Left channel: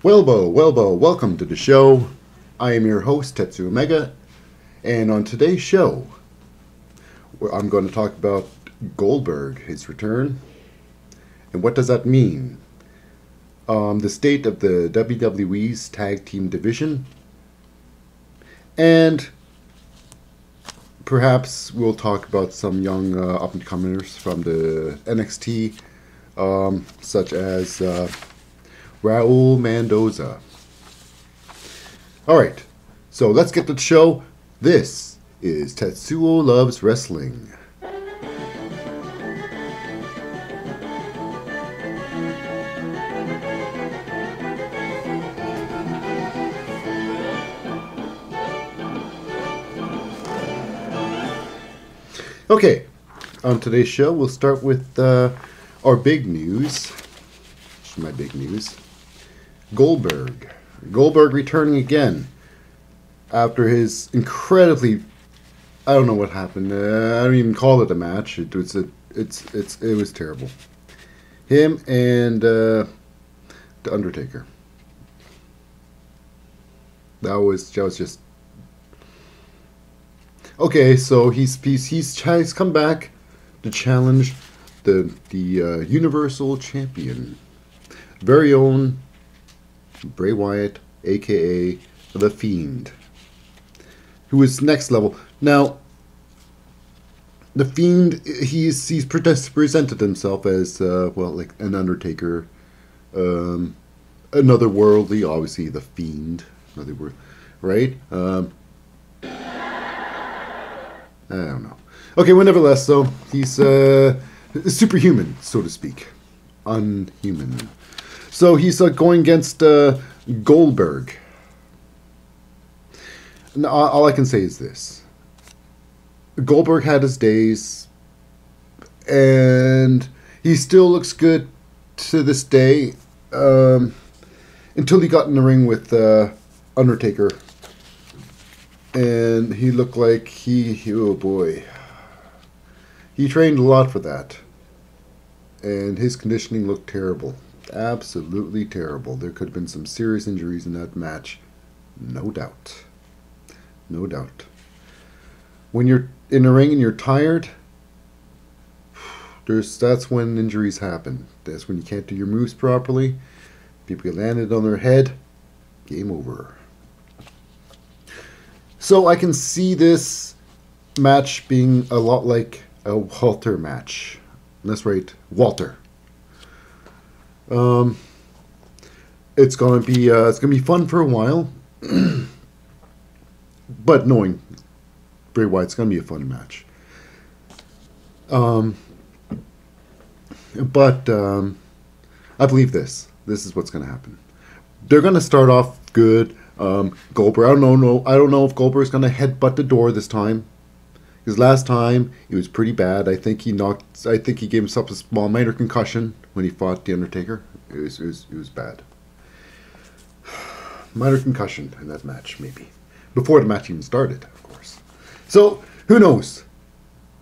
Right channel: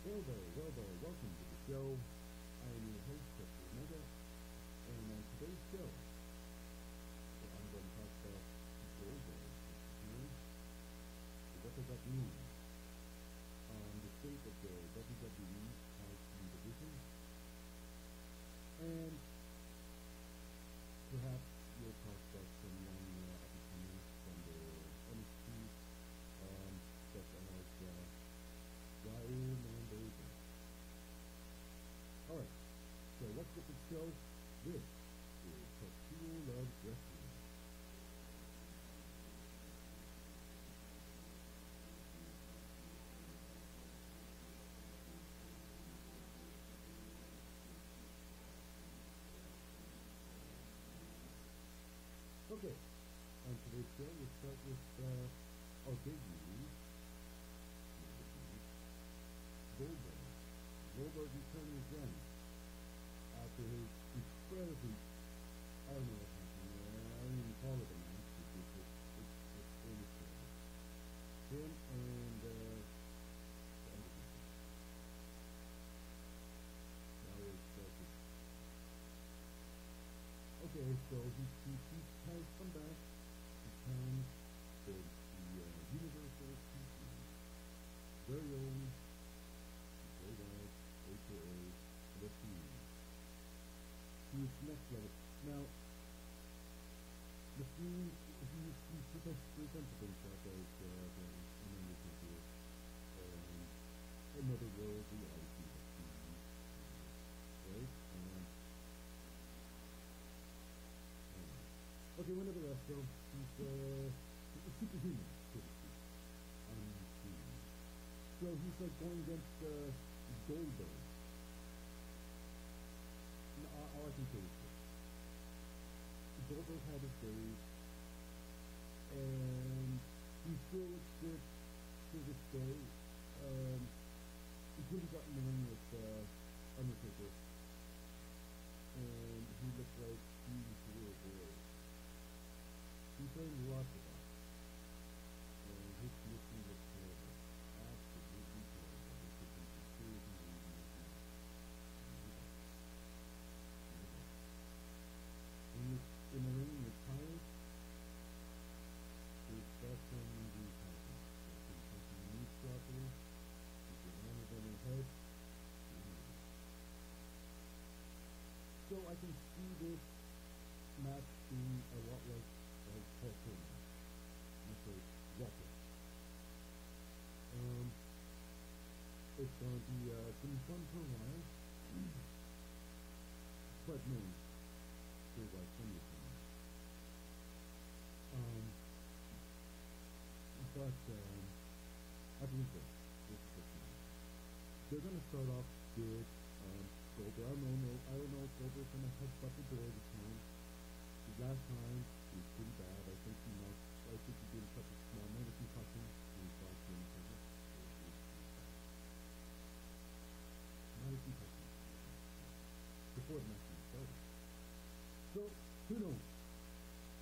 Welcome to the show. I am your host, Tetsu Omega, and on today's show, I'm going to talk about Goldberg, his return, and what does that mean? The state of the WWE's tag team division, and perhaps we'll talk about some young up-and-comers from the NXT, such as Raul Mendoza. Alright, so let's get to the show. This is Tetsuo Loves Wrestling. Okay, on today's show, we'll start with our big news. My big news. Goldberg. Goldberg returning again after his incredibly, I don't know what happened. I don't even call it a match. It was terrible. Him and the Undertaker. That was just okay. So he's come back to challenge the Universal Champion, very own Brey Wyatt, aka The Fiend, who is next level. Now, The Fiend, he's presented himself as, like an Undertaker, another worldly, obviously The Fiend, another word, right? I don't know. Okay, well, nevertheless, though, he's superhuman, so to speak. Unhuman. So he's going against Goldberg. Now, all I can say is this. Goldberg had his days, and he still looks good to this day, until he got in the ring with Undertaker. And he looked like oh boy. He trained a lot for that. And his conditioning looked terrible. Absolutely terrible. There could have been some serious injuries in that match. No doubt. No doubt. When you're in the ring and you're tired, that's when injuries happen. That's when you can't do your moves properly. People get landed on their head. Game over. So I can see this match being a lot like a Walter match. That's right, Walter. It's gonna be fun for a while, but knowing Brey Wyatt, it's gonna be a fun match. But I believe this. This is what's gonna happen. They're gonna start off good. Goldberg. I don't know if Goldberg's gonna headbutt the door this time. Because last time it was pretty bad. I think he gave himself a small minor concussion when he fought the Undertaker. It was bad. Minor concussion in that match, maybe. Before the match even started, of course. So, who knows?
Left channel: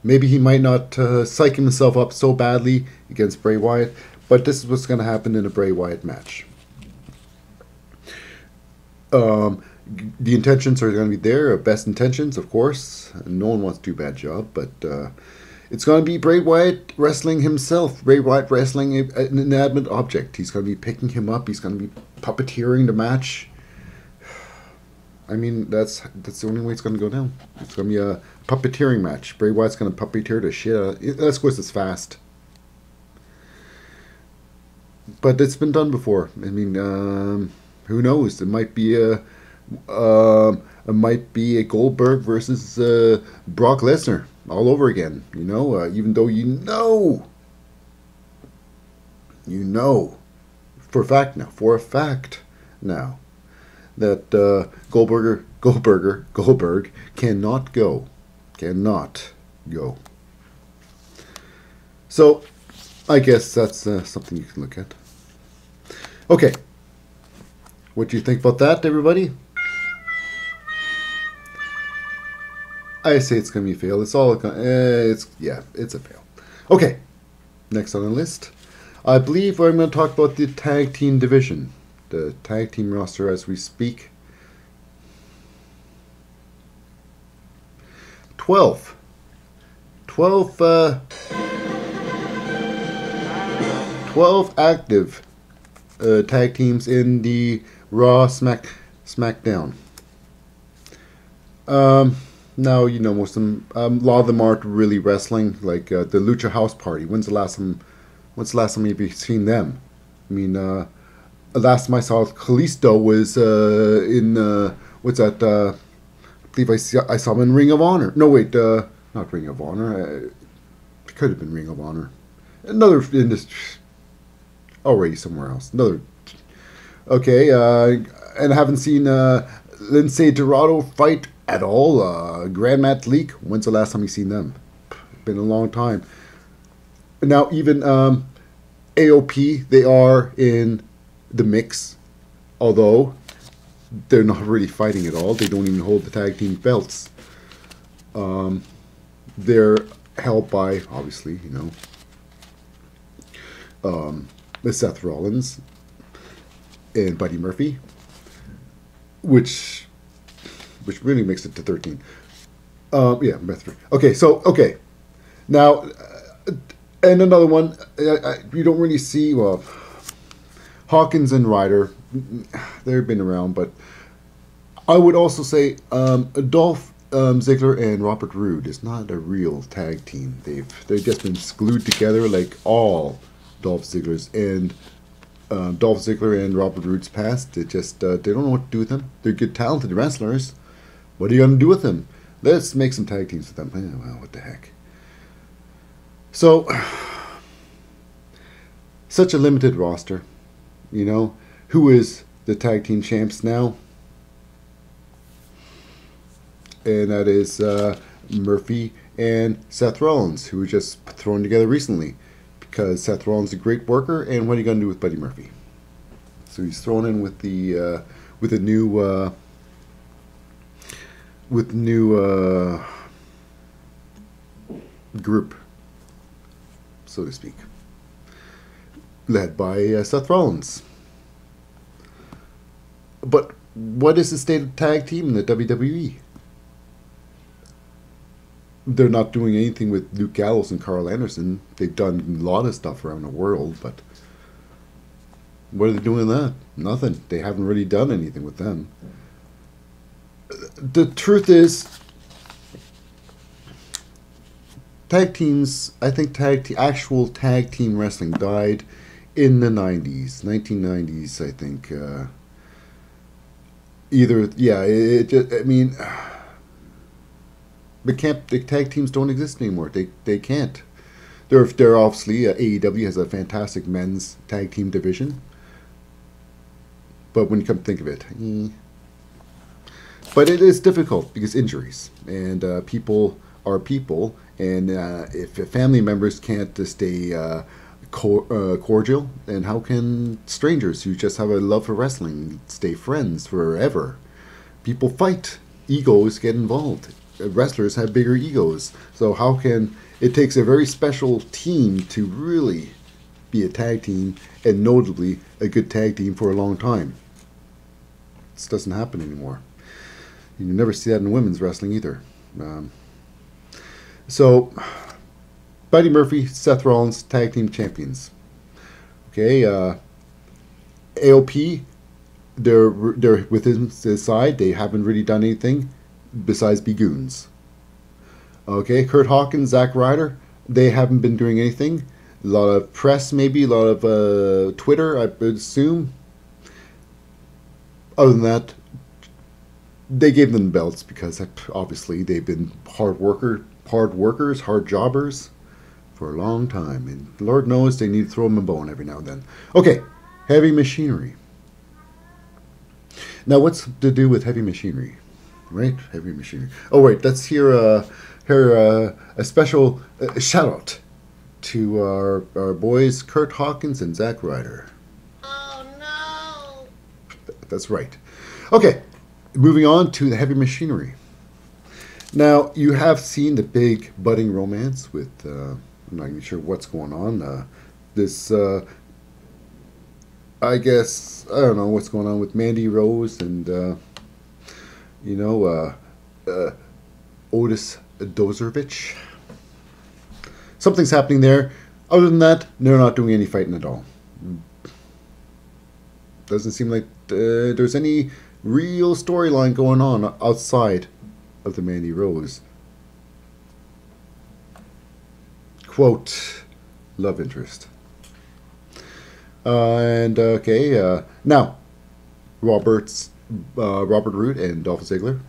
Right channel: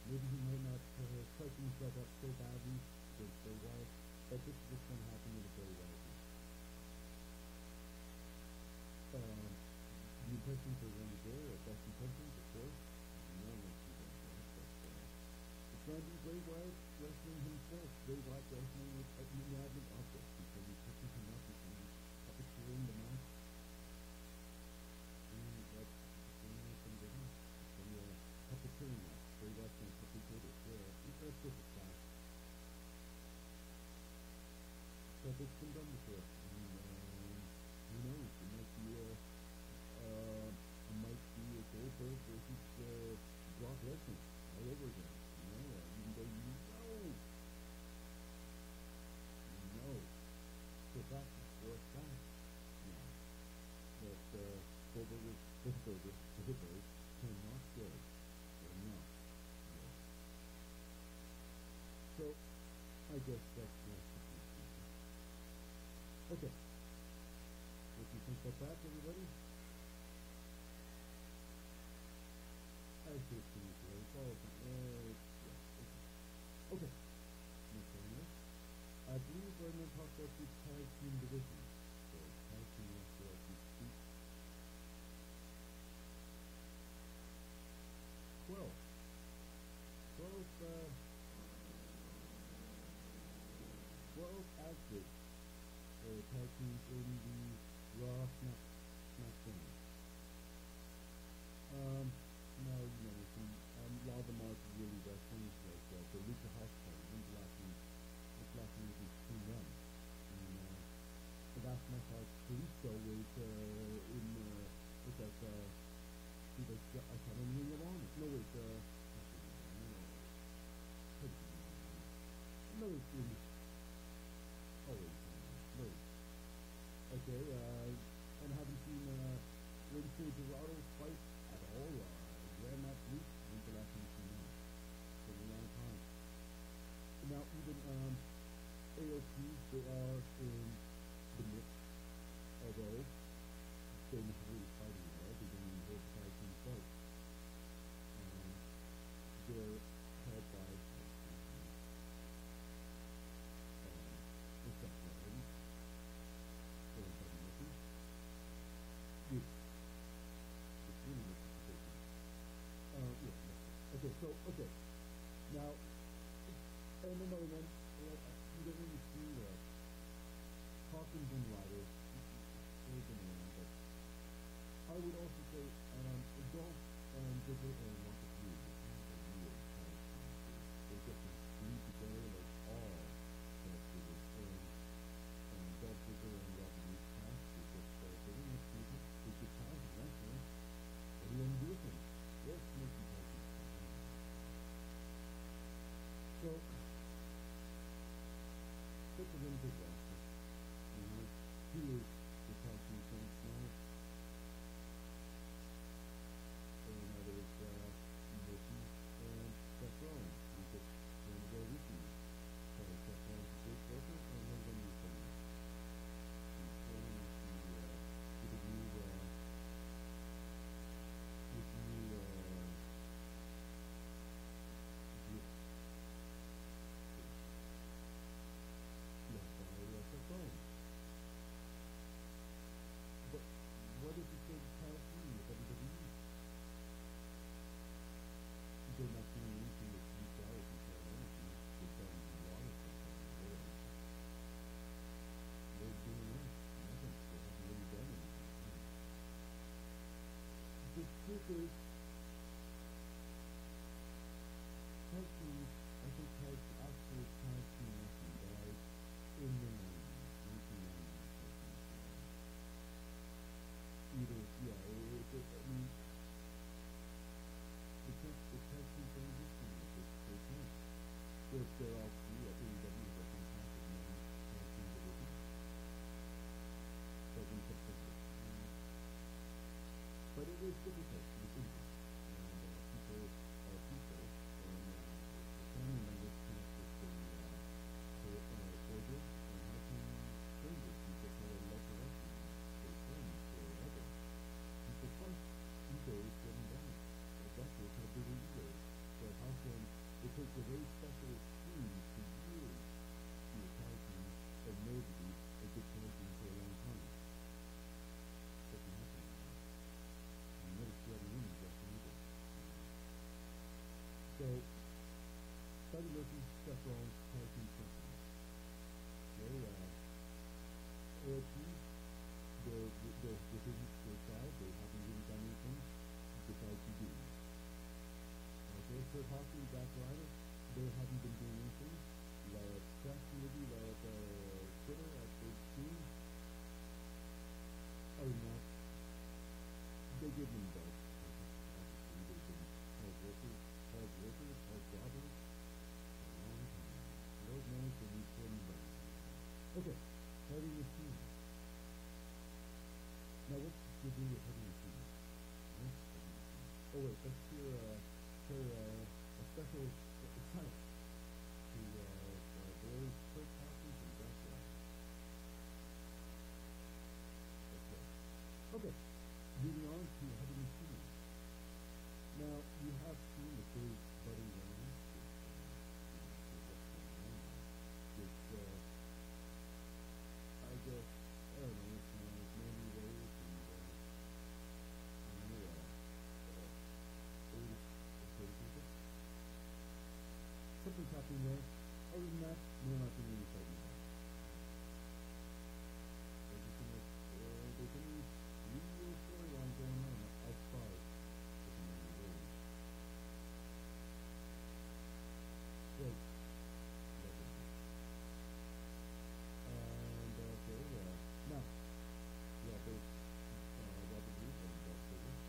Maybe he might not psych himself up so badly against Brey Wyatt, but this is what's going to happen in a Brey Wyatt match. The intentions are going to be there, best intentions, of course. No one wants to do a bad job, but it's going to be Brey Wyatt wrestling himself. Brey Wyatt wrestling an inanimate object. He's going to be picking him up. He's going to be puppeteering the match. I mean, that's the only way it's going to go down. It's going to be a puppeteering match. Brey Wyatt's going to puppeteer the shit out of it. That's course it's fast. But it's been done before. I mean, who knows? It might be a Goldberg versus Brock Lesnar all over again. You know, even though you know for a fact now that Goldberg cannot go. So I guess that's something you can look at. Okay. What do you think about that, everybody? I say it's going to be a fail. It's a fail. Okay, next on the list, I believe I'm going to talk about the tag team division. the tag team roster as we speak. 12. 12, 12 active tag teams in the Raw SmackDown. Now, you know, most of them, a lot of them aren't really wrestling, like the Lucha House Party. When's the last time you've seen them? I mean, the last time I saw Kalisto was in, what's that, I believe I saw him in Ring of Honor. No, wait, not Ring of Honor. It could have been Ring of Honor. Another industry, already somewhere else. Another, okay, and I haven't seen Lindsay Dorado fight at all. Grand Metalik, when's the last time you seen them? Been a long time. Now even AOP, they are in the mix, although they're not really fighting at all. They don't even hold the tag team belts. They're held by, obviously, you know, Seth Rollins and Buddy Murphy, which really makes it to 13. Yeah, okay, so, okay. Now, and another one, you don't really see, well, Hawkins and Ryder, they've been around, but I would also say Dolph Ziggler and Robert Roode is not a real tag team. They've just been glued together like all Dolph Ziggler's and Dolph Ziggler and Robert Roode's past. It just they don't know what to do with them. They're good, talented wrestlers. What are you going to do with them? Let's make some tag teams with them. Well, what the heck? So, such a limited roster. You know, who is the tag team champs now? And that is Murphy and Seth Rollins, who were just thrown together recently. Because Seth Rollins is a great worker, and what are you going to do with Buddy Murphy? So he's thrown in with the new group, so to speak, led by Seth Rollins. But what is the state of tag team in the WWE? They're not doing anything with Luke Gallows and Carl Anderson. They've done a lot of stuff around the world, but what are they doing with that? Nothing. They haven't really done anything with them. The truth is, tag teams, I think actual tag team wrestling died in the 90s, 1990s, I think. I mean, the tag teams don't exist anymore. They can't. They're obviously, AEW has a fantastic men's tag team division. But when you come to think of it, but it is difficult because injuries and people are people, and if family members can't stay cordial, then how can strangers who just have a love for wrestling stay friends forever? People fight. Egos get involved. Wrestlers have bigger egos. So how can... It takes a very special team to really be a tag team, and notably a good tag team for a long time. This doesn't happen anymore. You never see that in women's wrestling either. So, Buddy Murphy, Seth Rollins, tag team champions. Okay, AOP, they're with his side. They haven't really done anything besides be goons. Okay, Kurt Hawkins, Zack Ryder, they haven't been doing anything. A lot of press, maybe, a lot of Twitter, I would assume. Other than that, they gave them belts because obviously they've been hard workers, hard jobbers for a long time. And Lord knows they need to throw them a bone every now and then. Okay, heavy machinery. Now, what's to do with heavy machinery? Right? Heavy machinery. Oh, wait, let's hear a special shout out to our boys Kurt Hawkins and Zack Ryder. Oh, no! That's right. Okay, moving on to the heavy machinery. Now, you have seen the big budding romance with, I'm not even sure what's going on. This I guess I don't know what's going on with Mandy Rose and you know Otis Dozervich. Something's happening there. Other than that, they're not doing any fighting at all. Doesn't seem like there's any real storyline going on outside of the Mandy Rose. Quote, love interest. And okay, now Robert Root and Dolph Ziggler,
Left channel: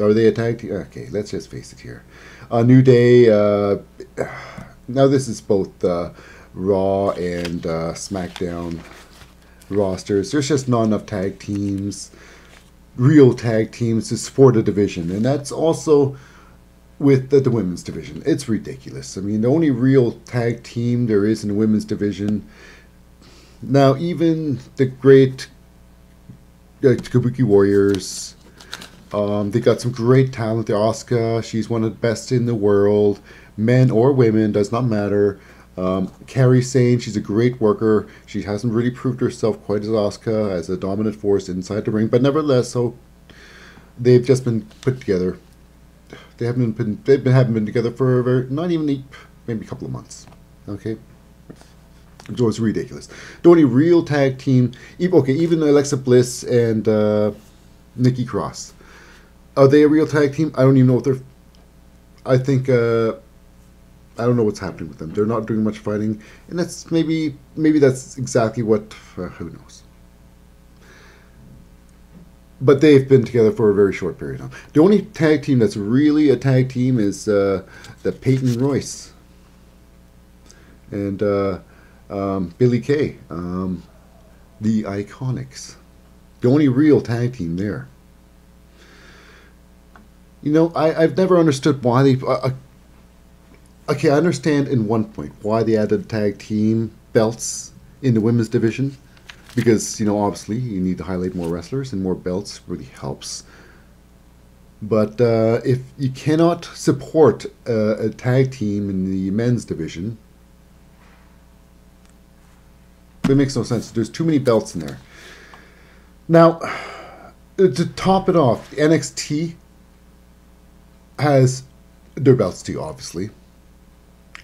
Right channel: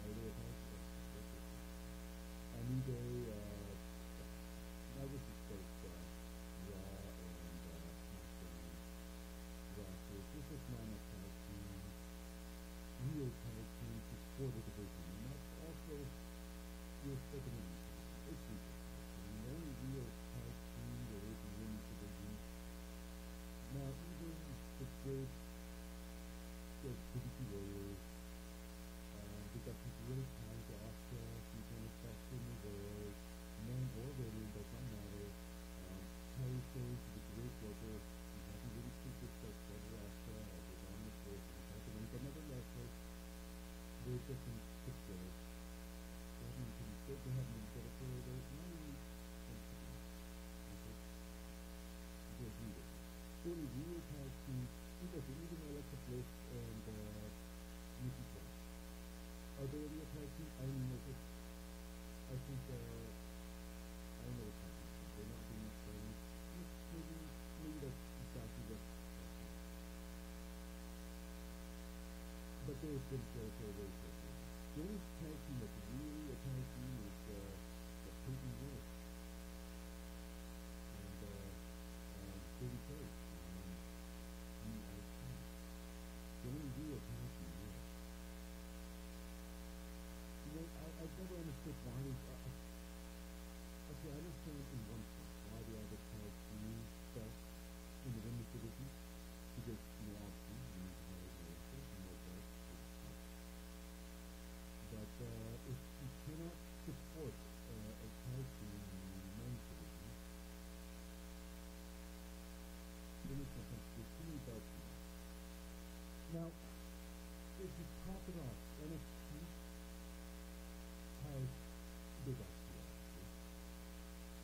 are they a tag team? Okay, let's just face it here. New Day. Now this is both Raw and SmackDown rosters. There's just not enough tag teams, real tag teams, to support a division, and that's also with the women's division. It's ridiculous. I mean, the only real tag team there is in the women's division now, even the great Kabuki Warriors, they got some great talent. The Asuka, she's one of the best in the world, men or women, does not matter. Kairi Sane, she's a great worker. She hasn't really proved herself quite as Asuka as a dominant force inside the ring, but nevertheless, so they've just been put together. Haven't been together for not even maybe a couple of months. Okay. So it's ridiculous. The only real tag team, even Alexa Bliss and Nikki Cross, are they a real tag team? I don't even know if they're. I think I don't know what's happening with them. They're not doing much fighting, and that's maybe that's exactly what. Who knows? But they've been together for a very short period of time. The only tag team that's really a tag team is the Peyton Royce and Billy Kay, the Iconics. The only real tag team there. You know, I've never understood why they. Okay, I understand in one point why they added tag team belts in the women's division. Because, you know, obviously you need to highlight more wrestlers, and more belts really helps. But if you cannot support a tag team in the men's division, it makes no sense. There's too many belts in there. Now, to top it off, NXT has their belts too, obviously.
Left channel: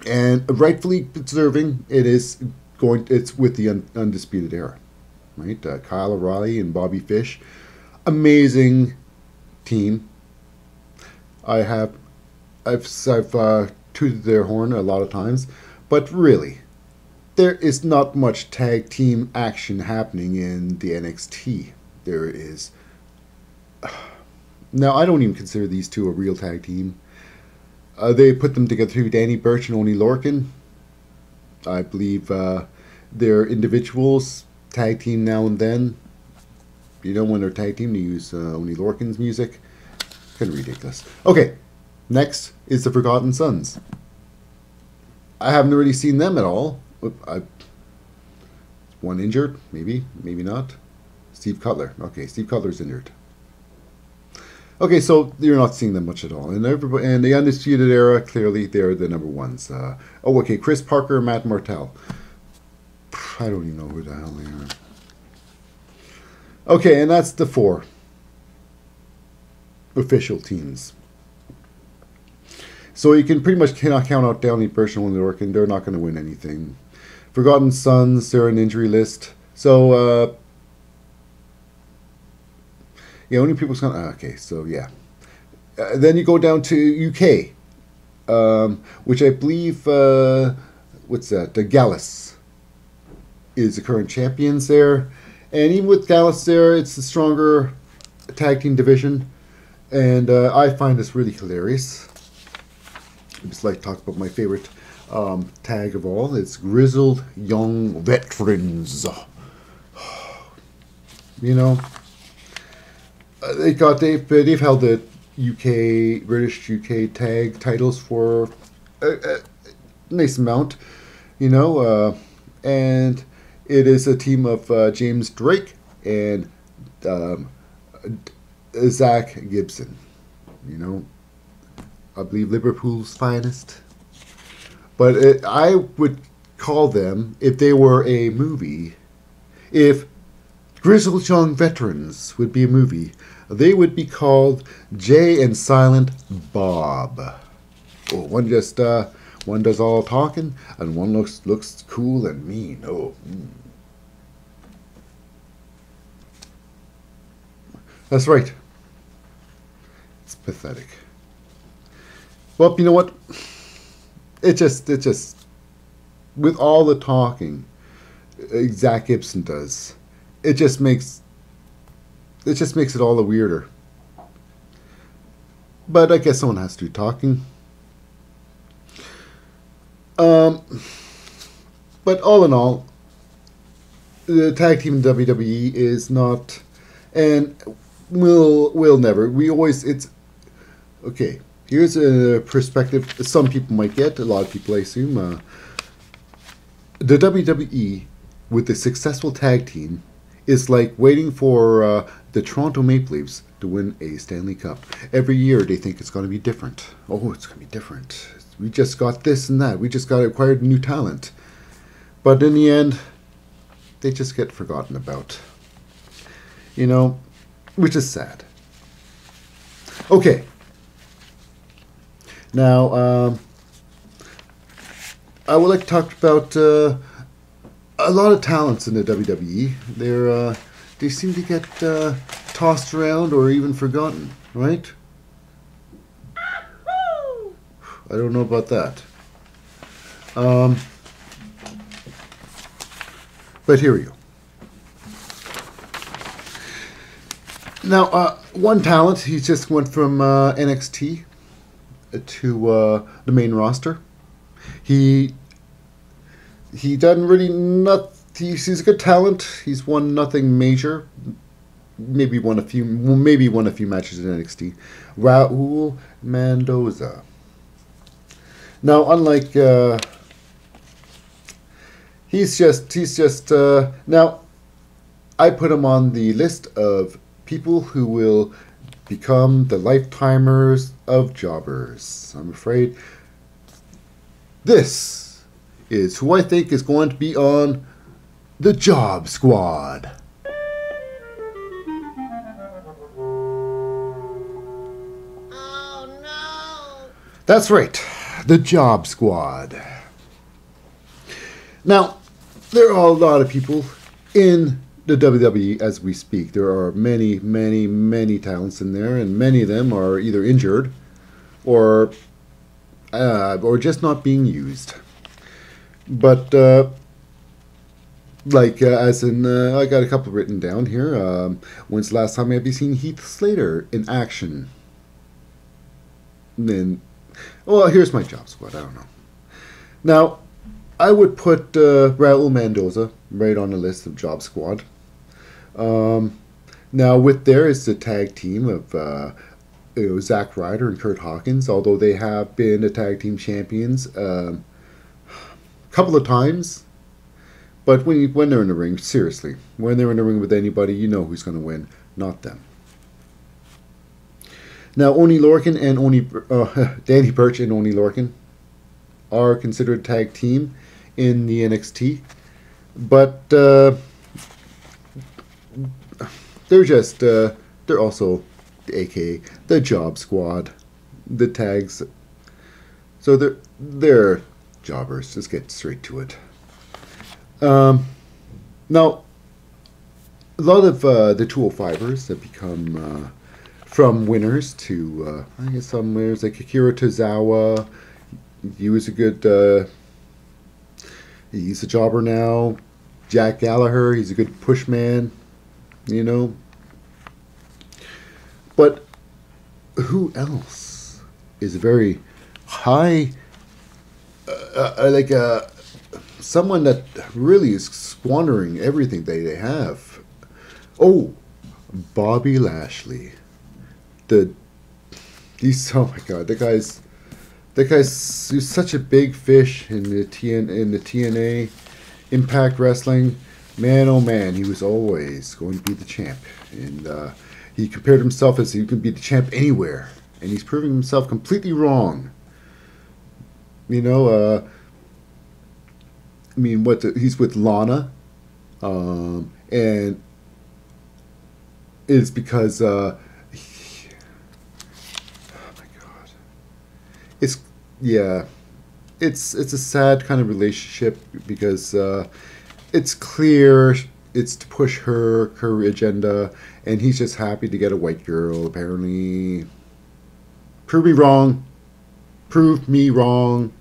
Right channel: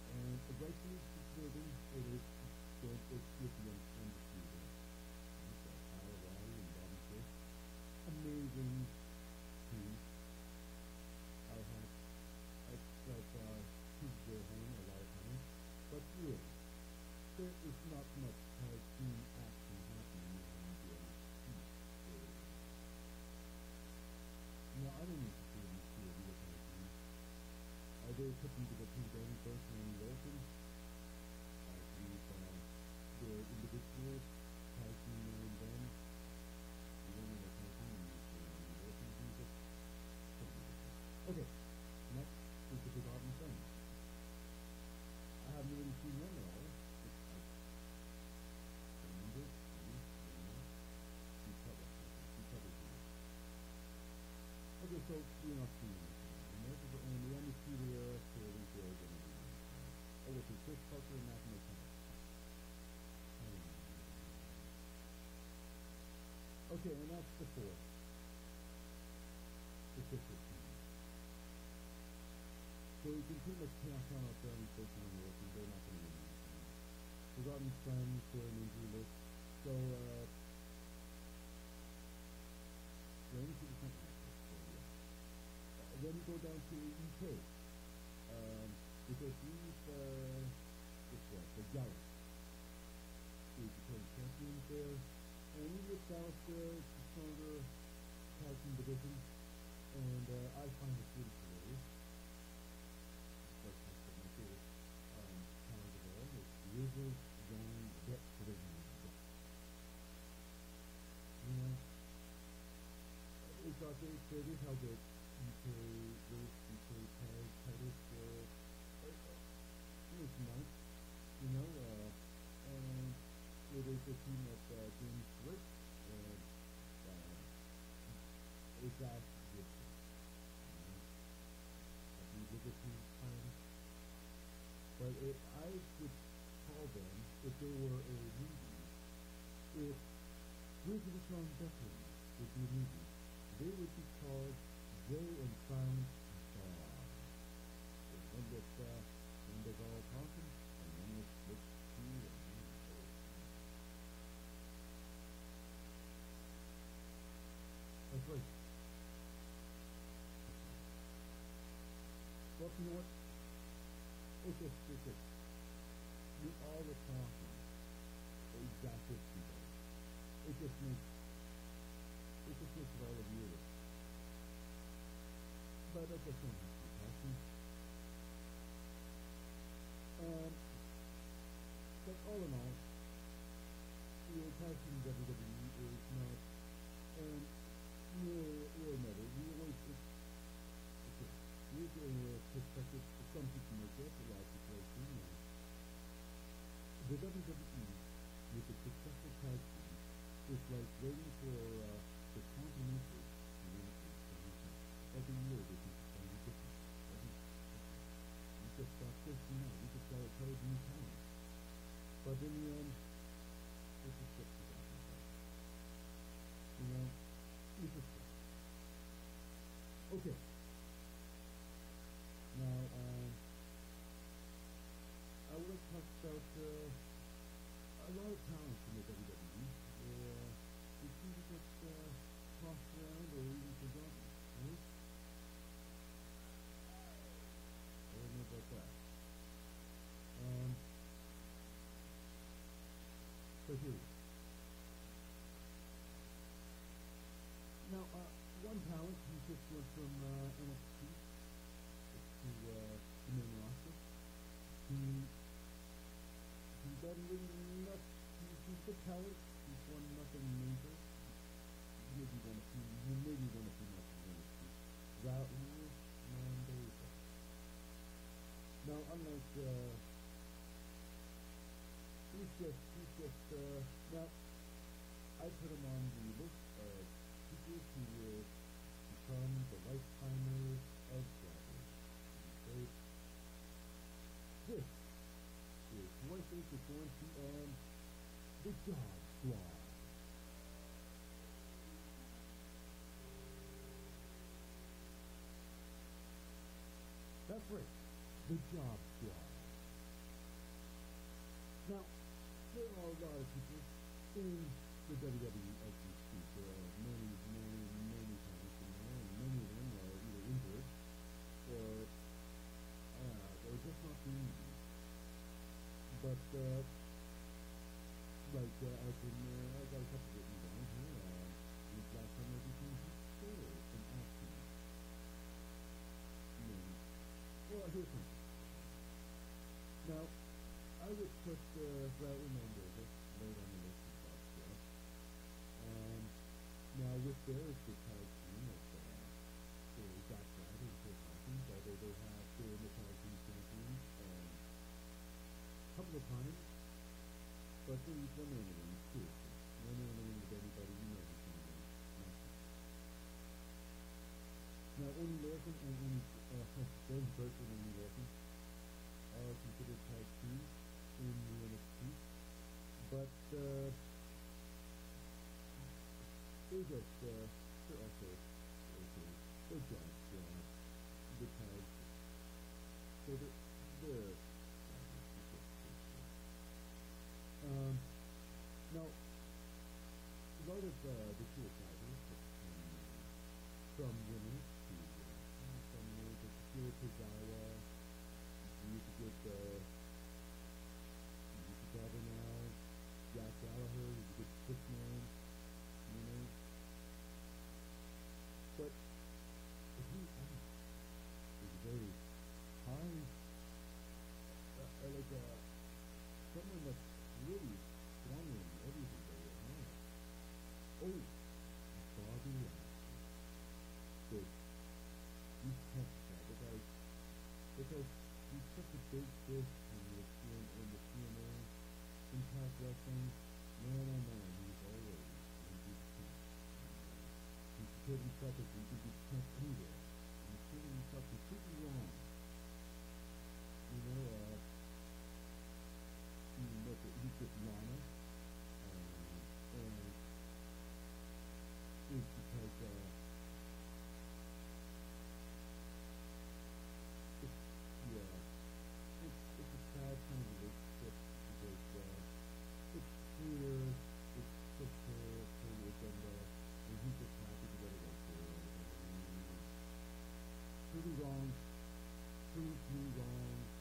And rightfully deserving, it's with the Undisputed Era. Right, Kyle O'Reilly and Bobby Fish, amazing team. I've tooted their horn a lot of times, but really, there is not much tag team action happening in the NXT. There is. Now, I don't even consider these two a real tag team. They put them together too, Danny Burch and Oney Lorcan. I believe they're individuals. Tag team now and then. You know, when they're tag team, they use Oney Lorcan's music. Kind of ridiculous. Okay, next is the Forgotten Sons. I haven't really seen them at all. One injured, maybe not. Steve Cutler. Okay, Steve Cutler's injured. Okay, so you're not seeing them much at all. And the Undisputed Era, clearly they're the number ones. Okay, Chris Parker, Matt Martell. I don't even know who the hell they are. Okay, and that's the 4 official teams. So you can pretty much cannot count out Downey Burch and Oney Lorcan. They're not going to win anything. Forgotten Sons, they're an injury list. So, yeah, only people's going to... Okay, so yeah. Then you go down to UK, which I believe... what's that? The Gallus is the current champions there. And even with Gallus there, it's a stronger tag team division. And I find this really hilarious. I just like to talk about my favorite tag of all. It's Grizzled Young Veterans. You know, they've held the British UK tag titles for a nice amount, you know, and it is a team of James Drake and Zach Gibson. You know, I believe Liverpool's finest. But I would call them, if they were a movie, If Grizzled Young Veterans would be a movie, they would be called Jay and Silent Bob. Oh, one does all talking, and one looks cool and mean. Oh. That's right. It's pathetic. Well, you know what? It just, with all the talking Zach Gibson does, it just makes it all the weirder. But I guess someone has to do talking. But all in all, the tag team in WWE is not, and will never. We always, it's okay. Here's a perspective some people might get. A lot of people, I assume. The WWE with the successful tag team is like waiting for the Toronto Maple Leafs to win a Stanley Cup. Every year they think it's going to be different. Oh, it's going to be different. We just got this and that. We just got acquired new talent. But in the end, they just get forgotten about. You know, which is sad. Okay. Now, I would like to talk about a lot of talents in the WWE. They seem to get tossed around or even forgotten, right? I don't know about that. But here we go. Now, one talent, he just went from NXT to the main roster. He doesn't really he's a good talent. He's won nothing major. Maybe won a few matches in NXT. Raul Mendoza. Now, unlike he's just now, I put him on the list of people who will become the lifetimers of jobbers. I'm afraid this is who I think is going to be on the Job Squad. Oh no! That's right, the Job Squad. Now, there are a lot of people in the WWE as we speak. There are many, many, many talents in there, and many of them are either injured or just not being used. But as in, I got a couple written down here. When's the last time have you seen Heath Slater in action? And then, well, here's my Job Squad. I don't know. Now, I would put Raul Mendoza right on the list of Job Squad. Now, with there is the tag team of Zack Ryder and Kurt Hawkins, although they have been the tag team champions a couple of times. But when they're in the ring, seriously, when they're in the ring with anybody, you know who's going to win, not them. Now, Oney Lorcan and Danny Burch and Oney Lorcan are considered a tag team in the NXT, but they're also AKA the Job Squad, the tags. So they're jobbers. Just get straight to it. Now, a lot of the 205ers have become from winners to I guess some winners like Akira Tozawa. He was a good. He's a jobber now. Jack Gallagher. He's a good push man. You know. But who else is a very high, someone that really is squandering everything they have? Oh, Bobby Lashley. Oh my God, that guy's he's such a big fish in the TNA Impact Wrestling. Man, oh man, he was always going to be the champ, and he compared himself as he could be the champ anywhere, and he's proving himself completely wrong. You know, I mean, he's with Lana, And it's because oh my god, it's yeah, it's a sad kind of relationship because it's clear it's to push her agenda, and he's just happy to get a white girl. Apparently, prove me wrong. Prove me wrong.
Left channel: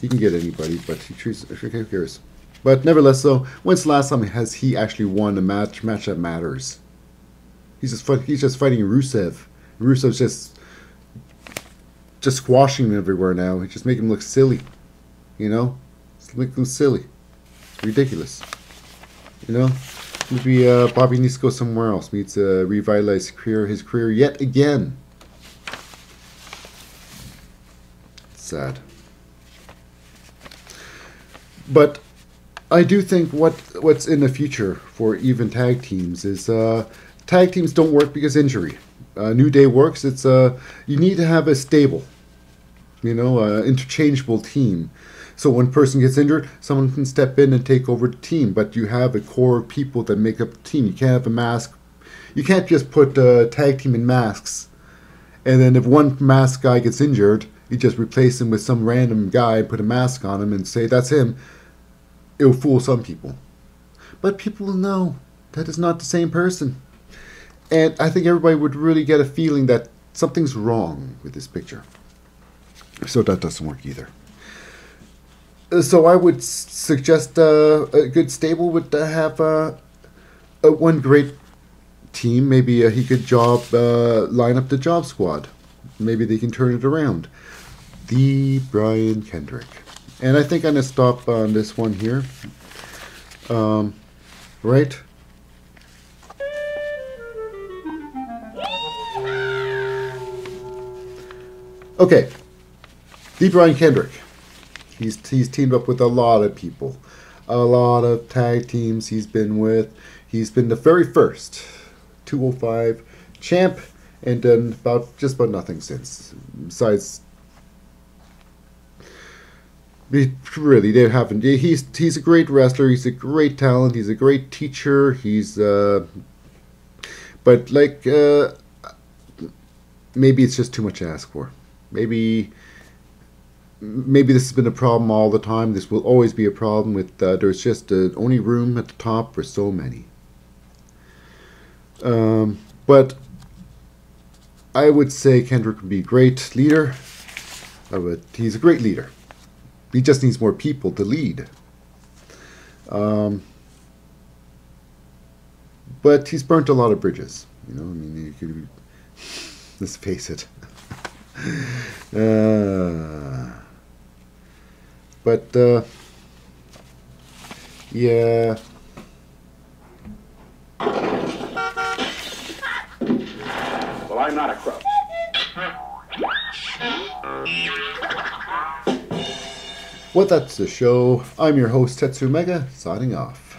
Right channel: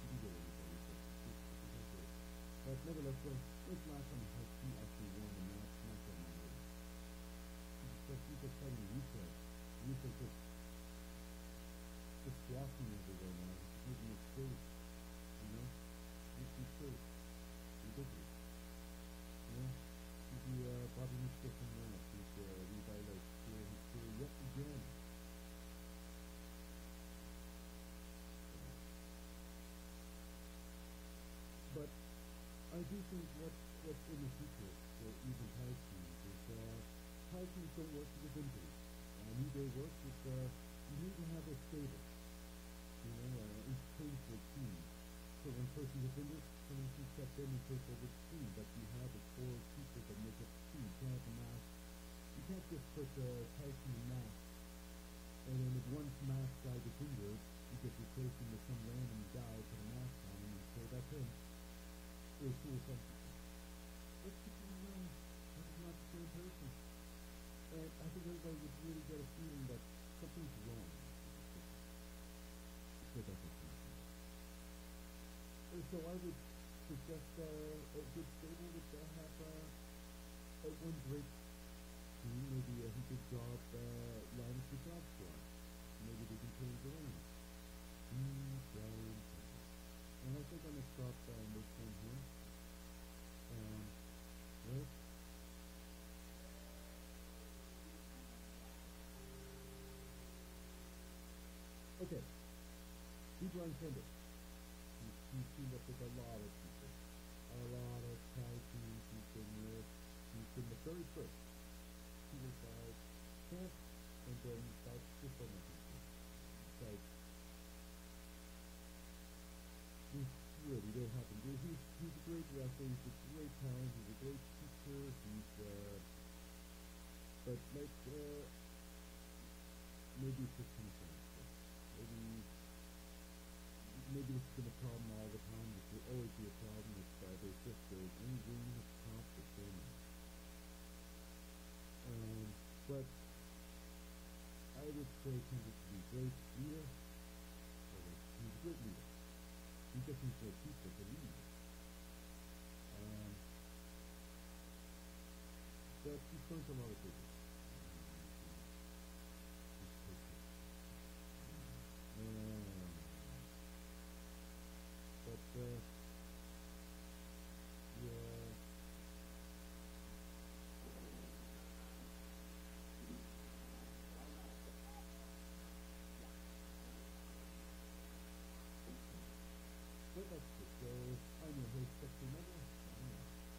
He can get anybody, but he treats. Who cares? But nevertheless, though, when's the last time has he actually won a match that matters? He's just fighting Rusev. Rusev's just squashing him everywhere now. He's just making him look silly. You know? Just making him silly. It's ridiculous. You know? Maybe Bobby needs to go somewhere else. Needs to revitalize his career yet again. Sad. But I do think what's in the future for even tag teams is tag teams don't work because injury. New Day works. It's you need to have a stable, interchangeable team. So when one person gets injured, someone can step in and take over the team. But you have a core of people that make up the team. You can't have a mask. You can't just put a tag team in masks, and then if one mask guy gets injured, you just replace him with some random guy, put a mask on him, and say that's him. It'll fool some people. But people will know that is not the same person. And I think everybody would really get a feeling that something's wrong with this picture. So that doesn't work either. So I would suggest a good stable would have one great team. Maybe he could line up the job squad. Maybe they can turn it around. The Brian Kendrick. And I think I'm going to stop on this one here. Right? Okay. The Brian Kendrick. He's teamed up with a lot of people. A lot of tag teams he's been with. He's been the very first 205 champ and done just about nothing since. Besides, really, they haven't. He's a great wrestler. He's a great talent. He's a great teacher. But maybe it's just too much to ask for. Maybe this has been a problem all the time. This will always be a problem with. There's just only room at the top for so many. But I would say Kendrick would be a great leader. He's a great leader. He just needs more people to lead. But he's burnt a lot of bridges. Let's face it. Yeah. Well, I'm not a crook. Well, that's the show. I'm your host, Tetsu Mega, signing off.